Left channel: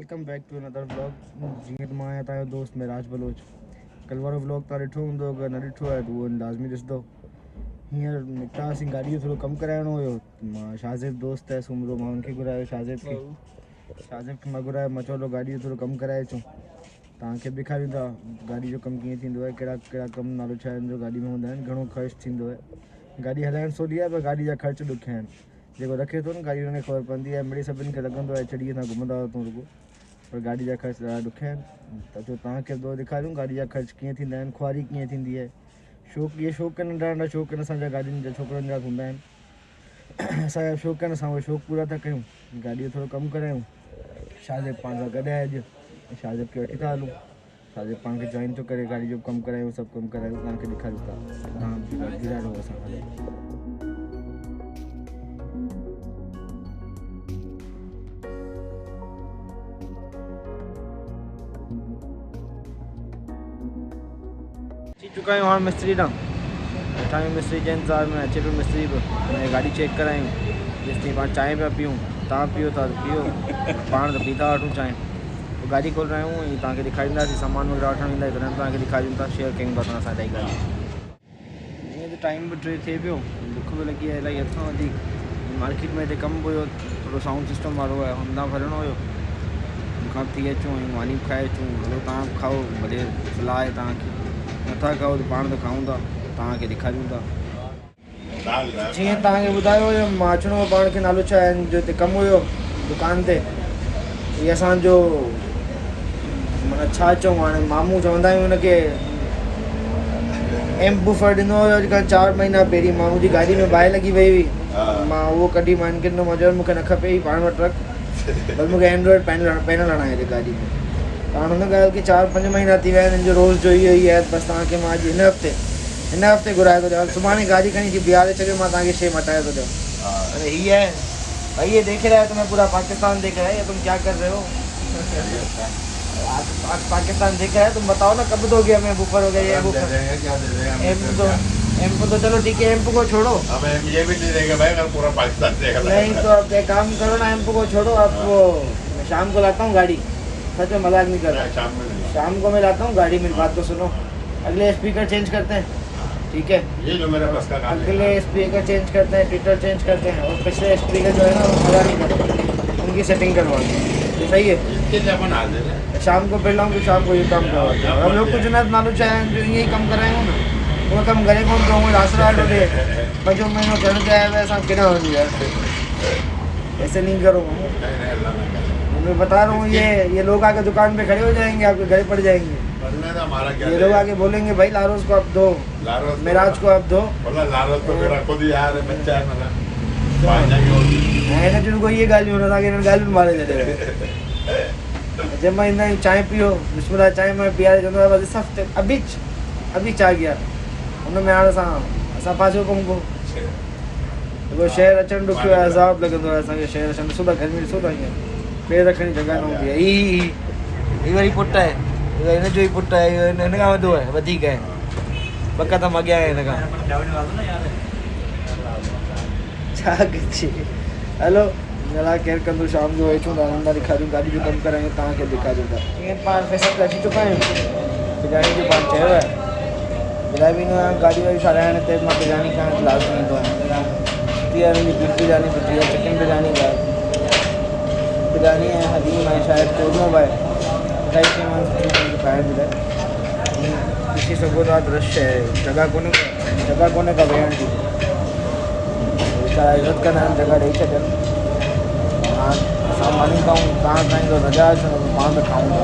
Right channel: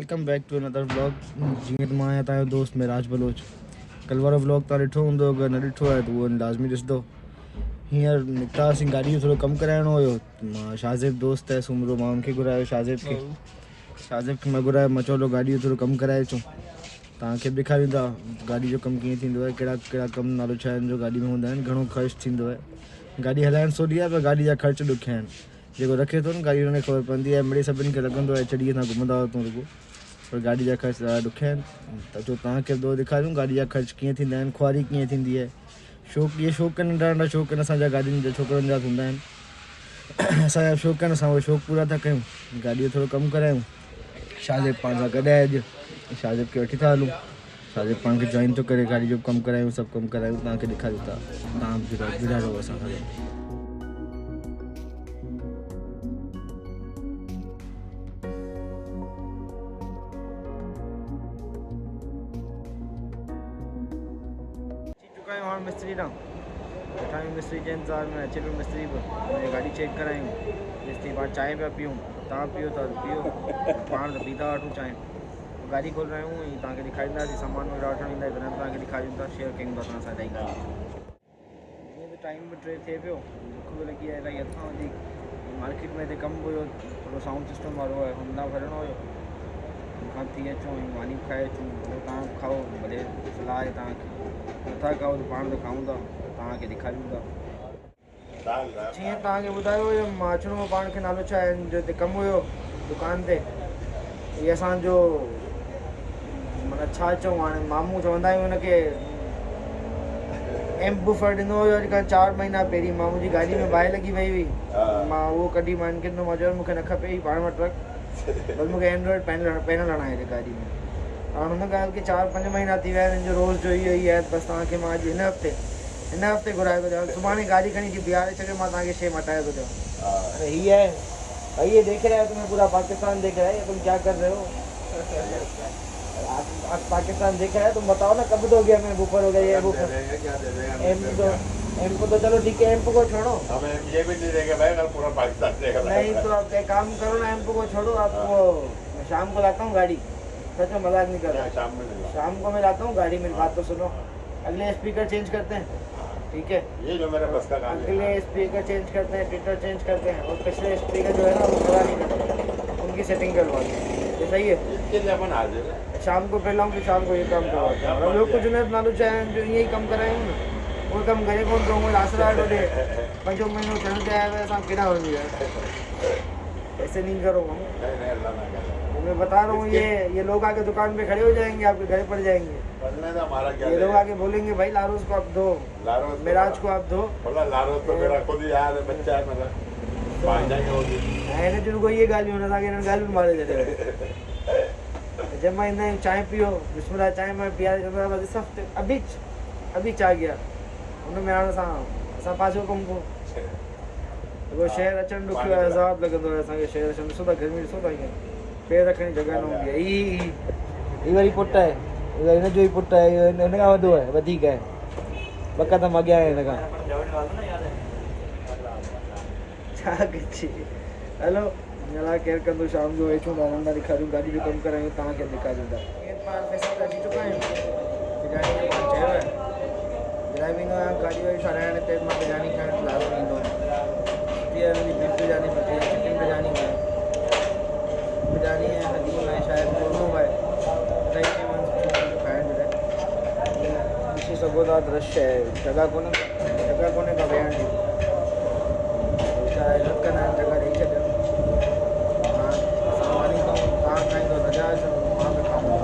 Welcome back to another vlog. जीअं त मां आहियां तव्हांजो दोस्त मिराज बलोच। कल्ह वारो व्लॉग तव्हां ॾिठो हूंदो, अगरि न ॾिठो आहे त उहो लाज़मी ॾिसंदो। हींअर निकितासीं, गाॾी जो थोरो कमु कराइणो हुयो। मां शाहज़ेब दोस्त आहे सुमरो, मां हुनखे घुरायो शाहज़ेब खे मां घुरायो। मां चयो गाॾी जो थोरो कमु कराए अचूं, तव्हांखे बि ॾेखारियूं था गाॾी जो कमु कीअं थींदो आहे, कहिड़ा कहिड़ा कमु नालो छा आहिनि जो गाॾी में हूंदा आहिनि, घणो ख़र्चु थींदो आहे। गाॾी हलाइणु सवली आहे पर गाॾी जा ख़र्च ॾुखिया आहिनि। जेको रखे थो न गाॾी हुनखे ख़बर पवंदी आहे, मिड़ई सभिनी खे लॻंदो आहे चढ़ीअ सां घुमंदा तूं रुॻो, पर गाॾी जा ख़र्च ॾाढा ॾुखिया आहिनि। त जो तव्हांखे ॿियो ॾेखारियूं गाॾी जा ख़र्च कीअं थींदा आहिनि, खुआरी कीअं थींदी आहे। शौक़ु इहे शौक़ु नंढा नंढा शौक़ु आहिनि असांजा गाॾियुनि जा, छोकिरनि जा हूंदा आहिनि। असांजा शौक़ु आहिनि, असां उहे शौक़ु पूरा था कयूं, गाॾीअ जो थोरो कमु करायूं। शाहज़ेब पाण सां गॾु आहे अॼु, शाहज़ेब खे वठी था हलूं। शाहज़ेब पाण खे जॉइन थो करे, गाॾी जो कमु करायूं, सभु कमु करायूं, तव्हांखे ॾेखारियूं था। तव्हां जुड़ा रहो असां सां। चुका आहियूं हाणे मिस्त्री ॾांहुं, वेठा मिस्त्री जे इंतज़ार में, अचे पियो मिस्त्री बि। गाॾी चेक करायूं, मिस्त्री पाण चांहि पिया पीऊं, तव्हां पीओ था पीओ, पाण त पीता वठूं चांहि। पोइ गाॾी खोल रहिया आहियूं ऐं तव्हांखे ॾेखारींदासीं, सामान वग़ैरह वठणु ईंदा तॾहिं तव्हांखे ॾेखारियूं था, शेयर कयूं था असां इलाही ॻाल्हि। ईअं त टाइम बि टे थिए पियो, बुख बि लॻी आहे इलाही हद खां वधीक। मार्केट में हिते कमु हुयो, थोरो साउंड सिस्टम वारो आहे, हुन भरिणो हुयो। खां थी अचूं ऐं मानी खाए अचूं, हलो तव्हां खाओ, भले सलाह आहे तव्हांखे, नथा खाओ त पाण त खाऊं था, तव्हांखे ॾेखारियूं था। जीअं तव्हांखे ॿुधायो हुयो, मां अचिणो हो, पाण खे नालो छा आहे जो हिते कमु हुयो दुकान ते। हीअ असांजो माना छा चऊं, हाणे मामू चवंदा आहियूं हुनखे। एम बूफर ॾिनो हुयो अॼु खां 4 महीना पहिरीं, मामू जी गाॾी में बाहि लॻी वई हुई, मां उहो कढी मां हिनखे ॾिनो। मज़ो मूंखे न खपे पाण वटि रख, पर मूंखे एंड्रॉइड पैनल हणाए हिते गाॾी में। हाणे हुन ॻाल्हि की 4-5 महीना थी विया आहिनि, हिन जो रोज़ जो इहो ई आहे। बसि तव्हांखे मां अॼु हिन हफ़्ते घुराए थो ॾियां, सुभाणे गाॾी खणी अची बीहारे छॾियो, मां तव्हांखे शइ मटाए थो ॾियां। अरे ये देख रहा है तुम्हें पूरा पाकिस्तान देख रहा है, तुम क्या कर रहे हो? पाकिस्तान देख रहा है, तुम बताओ ना कब दोगे हमें बूफर वगैरह? क्या दे देंगे? एम्पू तो चलो ठीक है, एम्पू को छोड़ो, अब ये भी दे देंगे भाई, अगर पूरा पाकिस्तान देगा। नहीं तो अब एक काम करो ना, एम्पू को छोड़ो, आप वो शाम को लाता हूँ गाड़ी, सच में मजाक नहीं कर रहा। शाम को मैं लाता हूँ गाड़ी, मेरी बात तो सुनो। अगले स्पीकर चेंज करते हैं, ठीक है? ये जो मेरे पास का अगले स्पीकर चेंज करते हैं, ट्विटर चेंज करते हैं, और पिछले स्पीकर जो है ना वो खड़ा नहीं करते, उनकी सेटिंग करवाते हैं। सही है? शाम को फिर लाऊँ, शाम को ये काम करवाते हैं। हम लोग कुछ ना नालो चाहे जो यही कम कराएंगे ना, वो कम घरे कौन कहूँगा, आसरा डोले बजो महीनों चढ़ जाए वैसा किना हो जाए। ऐसे नहीं करो, मैं बता रहा हूँ। ये लोग आके दुकान पे खड़े हो जाएंगे, आपके घर पड़ जाएंगे। ये लोग आके बोलेंगे भाई लारोस को आप दो, मिराज को आप दो, लारोस तो मेरा खुद ही यार बच्चा है, जिनको ये गाली होना था कि गाली में मारे जाते। जब मैं इतना चाय पियो, बिस्मिल्लाह चाय में पिया रहे बस इस हफ्ते अभी चाह गया उनमें हाणे असां पाछो कमु को वो शहर अचणु ॾुखियो आहे, अज़ाब लॻंदो आहे असांखे शहर अचणु। सुबुह गर्मी सुबुह ईअं पेर रखण जी जॻह न हूंदी आहे। ही वरी पुटु आहे, हिन जो ई पुटु आहे, हिन खां वधो आहे, वधीक आहे, ॿ क़दम अॻियां आहे हिन खां। छा कजे, हलो जरा केरु कंदो, शाम जो अचूं था, धंधा ॾेखारियूं, गाॾी जो कमु करायूं, तव्हांखे ॾेखारियूं था। ईअं पाण पैसा ते अची चुका आहियूं, बिरयानी जो पाण चयो आहे, बिरयानी बि ईंदो आहे गाॾी वारी ठाराइण ते, मां बिरयानी खाइण लाज़मी ईंदो आहियां। 30 जी बीफ बिरयानी सुठी आहे, चिकन बिरयानी आहे, बिरयानी है, हलीम है, शायद चूरमा है, कई शयूं खाइण जे लाइ। ॾिसी सघो था दृश्य है, जॻह कोन्हे का वेहण जी, छा इज़त कंदा आहिनि, जॻह ॾेई छॾनि। असां मानी खाऊं, तव्हां खाईंदो रजा मां त खाऊं था।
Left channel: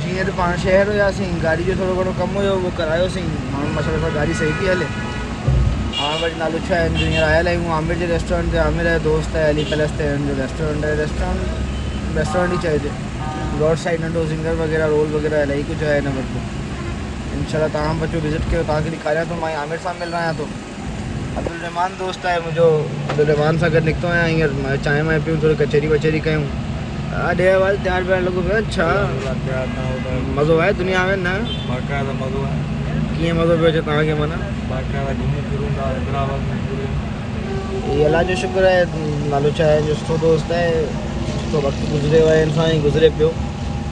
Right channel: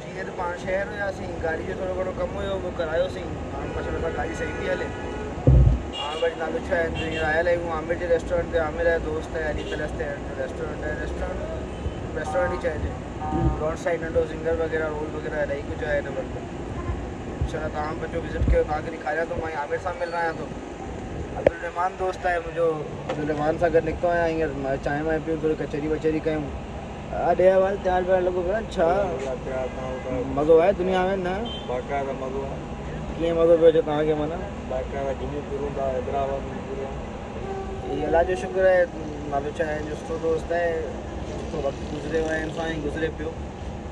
हींअर त पाण शहर हुयासीं, गाॾी जो थोरो घणो कमु हुयो, उहो करायोसीं। माण्हू मसइले सां गाॾी सही पई हले। हाणे वरी नालो छा आहे, हींअर आयल आहियूं आमिर जे रेस्टोरेंट ते। आमिर जो दोस्त आहे, अली पैलेस ते हिन जो रेस्टोरेंट आहे, रेस्टोरेंट ई चइजे। रोड साइड नंढो सिंगर वग़ैरह रोल वग़ैरह इलाही कुझु आहे हिन वटि। इंशाल्लाह तव्हां बचो विज़िट कयो, तव्हांखे ॾेखारियां थो। मां आमिर सां मिल रहियां थो। अब्दुल रहमान दोस्त आहे मुंहिंजो, अब्दुल रहमान सां गॾु निकितो आहियां। हींअर चांहि वांहि पियूं, थोरी कचहरी वचहरी कयूं। हा ॾे वाल तयारु ॿियारु लॻो पियो। अच्छा मज़ो आहे दुनिया में न? कीअं मज़ो पियो अचे तव्हांखे? माना ये अल्लाह जो शुक्र आहे, नालो छा आहे जो सुठो दोस्त आहे, सुठो वक़्तु गुज़रियो आहे हिन सां ई गुज़रे पियो।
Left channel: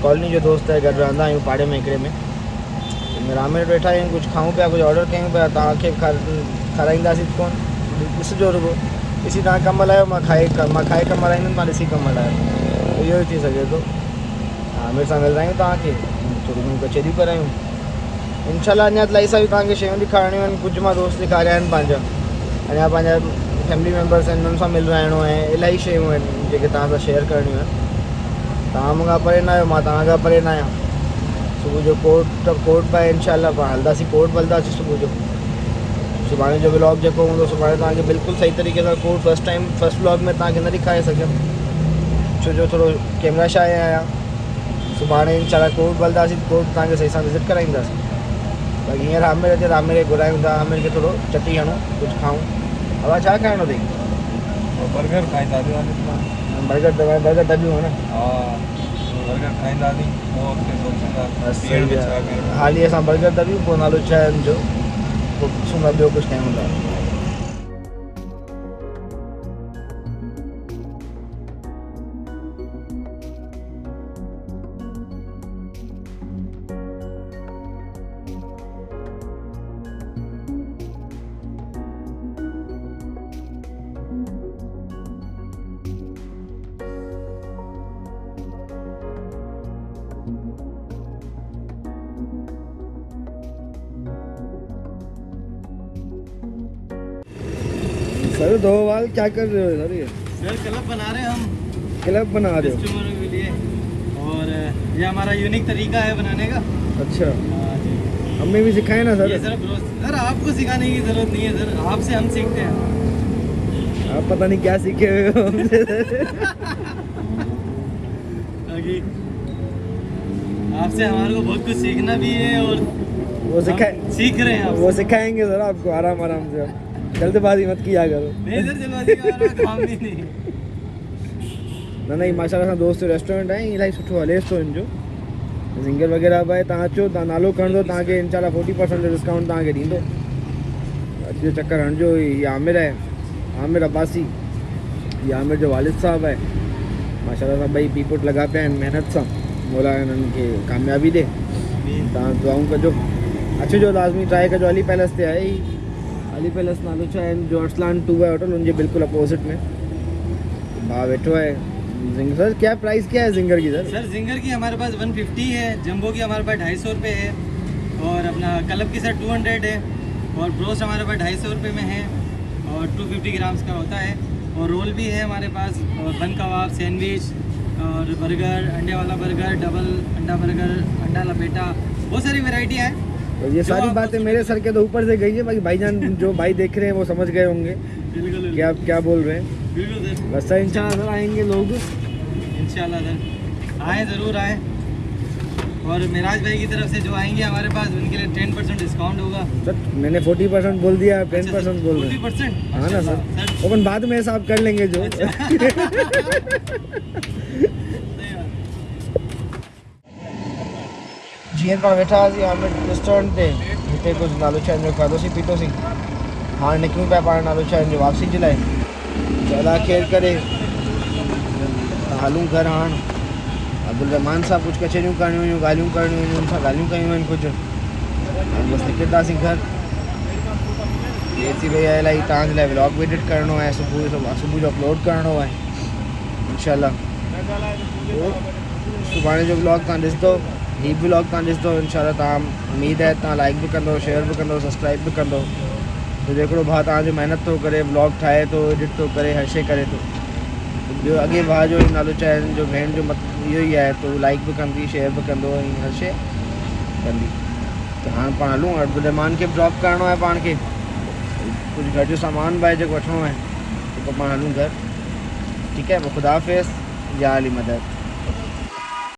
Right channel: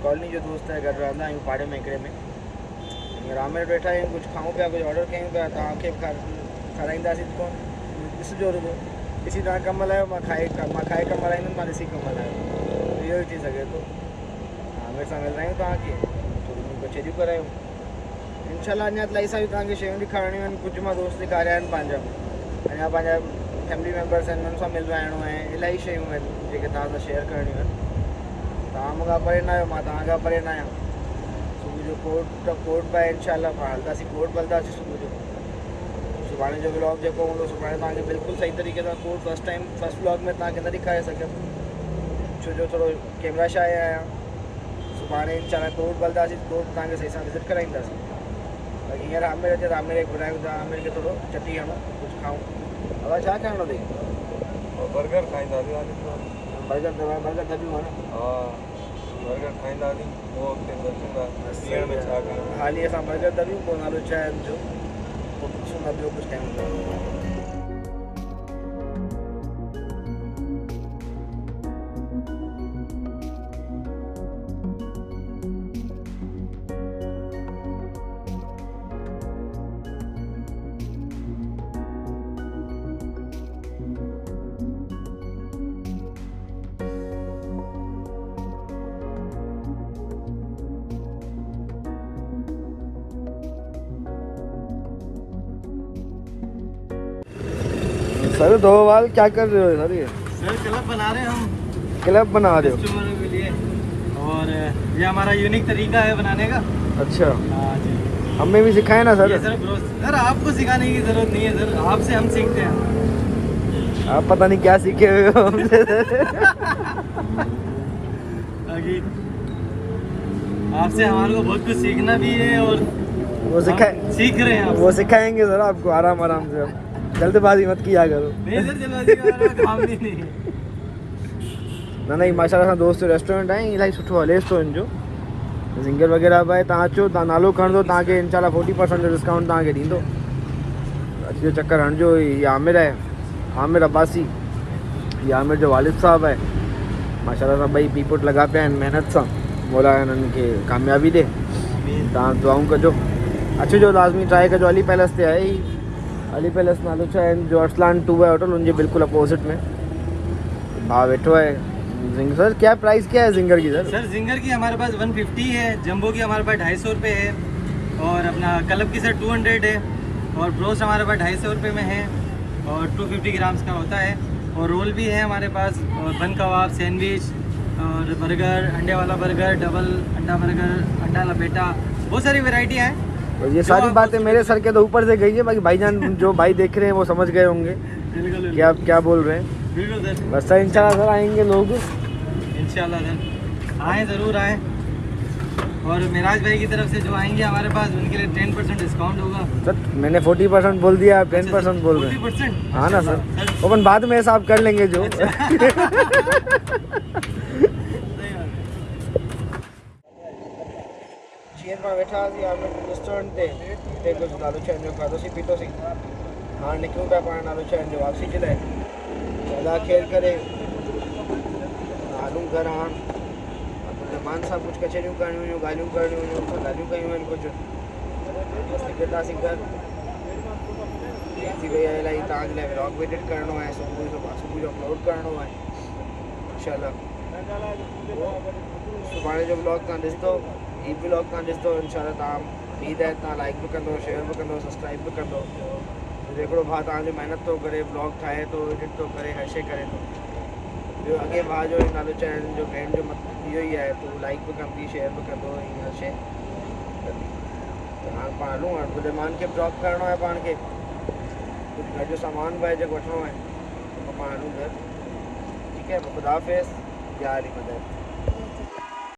कॉलोनी जो दोस्त आहे, गॾु रहंदा आहियूं पाड़े में हिकिड़े में। हींअर आमिर वेठा आहियूं, कुझु खाऊं पिया, कुझु ऑडर कयूं पिया। तव्हांखे खाराईंदासीं कोन, ॾिसिजो रुगो, ॾिसी तव्हां कमु हलायो। मां खाए कमु हलाईंदुमि, तव्हां ॾिसी कमु हलायो। इहो ई थी सघे थो। आमिर सां मिलायूं तव्हांखे, थोरी घणियूं कचहरियूं करायूं इंशाल्लाह। अञा इलाही सारियूं तव्हांखे शयूं ॾेखारणियूं आहिनि। कुझु मां दोस्त ॾेखारिया आहिनि पंहिंजा, अञा पंहिंजा फैमिली मेम्बर्स आहिनि, हुननि सां मिलराइणो आहे। इलाही शयूं आहिनि जेके तव्हां सां शेयर करणियूं आहिनि। तव्हां मूंखां परे न आहियो, मां तव्हां खां परे न आहियां। सुबुह जो कोट पाए इंशाल्लाह पाण हलंदासीं, कोट हलंदासीं सुबुह जो। सुभाणे जो व्लॉग जेको हूंदो, सुभाणे तव्हांखे बिल्कुलु सही तरीक़े सां कोट फर्स्ट व्लॉग में तव्हांखे न ॾेखारे सघियुमि, छो जो थोरो कैमरा शाय आहियां। सुभाणे इंशाल्लाह कोट हलंदासीं, कोट तव्हांखे सही सां विज़िट कराईंदासीं। बाक़ी हींअर आमिर अचे त आमिर खे घुरायूं था, आमिर खे थोरो चटी हणूं, कुझु खाऊं। हवा छा खाइणो अथई? बर्गर खाईंदासीं। बर्गर दॿियूं न? बर्गर खाईंदासीं, हाली असां बर्गर दॿियूं, पोइ नालो छा आहे हुनजो, पोइ ॾिसूं था ॿियो कुझु खायूं था। सर दो वाल क्या कर रहे हो सर? ये सर क्लब बना रहे हैं हम, क्लब बना रहे हो? कस्टमरों के लिए, और ये हमारा यूनिक तरीका है बनाने का। अच्छा, हाँ जी, हमें भी सिखाए ना सर। ये सर आपको सिखाने की जरूरत नहीं है सर, आपसे हम सीखते हैं। आप पता नहीं क्या सीखे हुए हो हमसे। बाकी आपसे हमारे को बहुत कुछ सीखना भी है, और वो सीख रहे हैं। वो सिखाएंगे सर आपको आराम आराम से। जल्दबाजी मत किया करो। नहीं सर, जल्दबाजी का काम भी नहीं। नहीं माशाल्लाह सां दोस्त रेस्टोरेंट आहे, इलाही सुठो हले थो हिन जो। सिंगर वग़ैरह बि आहे, तव्हां अचो, तव्हां नालो खणंदो, तव्हांखे इंशाल्लाह 40% जो डिस्काउंट तव्हांखे ॾींदो। अचिजो, चक्कर हणिजो। हीअ आमिर आहे, आमिर अब्बासी। हीअ आमिर जो वालिद साहब आहे। माशाल्लाह सां ॿई पीपुट लॻा पिया आहिनि महिनत सां। मौला हिननि खे कामयाबी ॾे। तव्हां दुआऊं कजो, अचिजो लाज़मी, ट्राई कजो। अली पैलेस ते आहे ही, अली पैलेस नालो छा आहे जो अरसलान 2 है होटल, उनके बिल्कुल अपोजिट में। हाँ बैठो है। सर क्या प्राइस क्या है जिंगर की? सर जिंगर की हमारे पास 150 है, जंबो की हमारे पास 250 रुपये है, और अपना क्लब की सर 200 है, और ब्रोस्ट हमारे पास 250 रुपये में है, और 250 ग्राम्स का होता है। और रोल भी है हमारे पास, और बन कबाब, सैंडविच, और बर्गर, अंडे वाला बर्गर, डबल अंडा बर्गर, अंडा लपेटा, बहुत सारी वेराइटियाँ हैं। तो ये सारी बातें मेरे सर के तो ऊपर से गई है, बाकी भाईजान जो भाई देख रहे हैं वो समझ गए होंगे कि आप क्या बोल रहे हैं। बिल्कुल सर, बस सर इंशाल्लाह सर आएंगे लोग, इंशाल्लाह सर आए, ज़रूर आए। और मिराज भाई की तरफ से जो आएंगे हमारे पास, उनके लिए 10% डिस्काउंट होगा। सर मैंने 40% बोल दिया, आप 10% बोल रहे हैं। 40%? हाँ ना सर, अपन बाद में हिसाब कर लेंगे जो। जीअं पाण वेठा हुआसीं आमिर रेस्टोरेंट ते, हिते कुझु नालो छा जो खाधोसीं पीतोसीं। हाणे निकिरूं पिया पाण नालो छा जो वापसी जे लाइ। अलाह ख़ैर करे, हलूं घर हाणे। अब्दुल रहमान सां कुझु कचहरियूं करणियूं हुयूं, ॻाल्हियूं करणियूं हुयूं, हुन सां ॻाल्हियूं कयूं आहिनि कुझु। बसि निकिरंदासीं घर। देरि थी वई आहे इलाही, तव्हांजे लाइ व्लॉग बि एडिट करिणो आहे, सुबुह जो अपलोड करिणो आहे इंशाल्लाह। सुभाणे जो व्लॉग तव्हां ॾिसंदो, ही व्लॉग तव्हां ॾिसंदो इंशाल्लाह। तव्हां उमेद आहे तव्हां लाइक बि कंदो, शेयर बि कंदो, सब्सक्राइब बि कंदो। तो हिकिड़ो भाउ तव्हांजो महिनत थो करे, व्लॉग ठाहे थो, एडिट थो करे, हर शइ करे थो। ॿियो अॻे भाउ जो नालो छा आहे जो भेण जो मतिलबु इहो ई आहे, तो लाइक बि कंदी, शेयर बि कंदो, ऐं हर शइ कंदी। त हाणे पाण हलूं, अब्दुल रहमान खे ड्रॉप करिणो आहे पाण खे, कुझु घर जो सामान बि आहे जेको वठिणो आहे, तो पाण हलूं घर। ठीकु है, पोइ ख़ुदा हाफ़िज़, या अली मदद।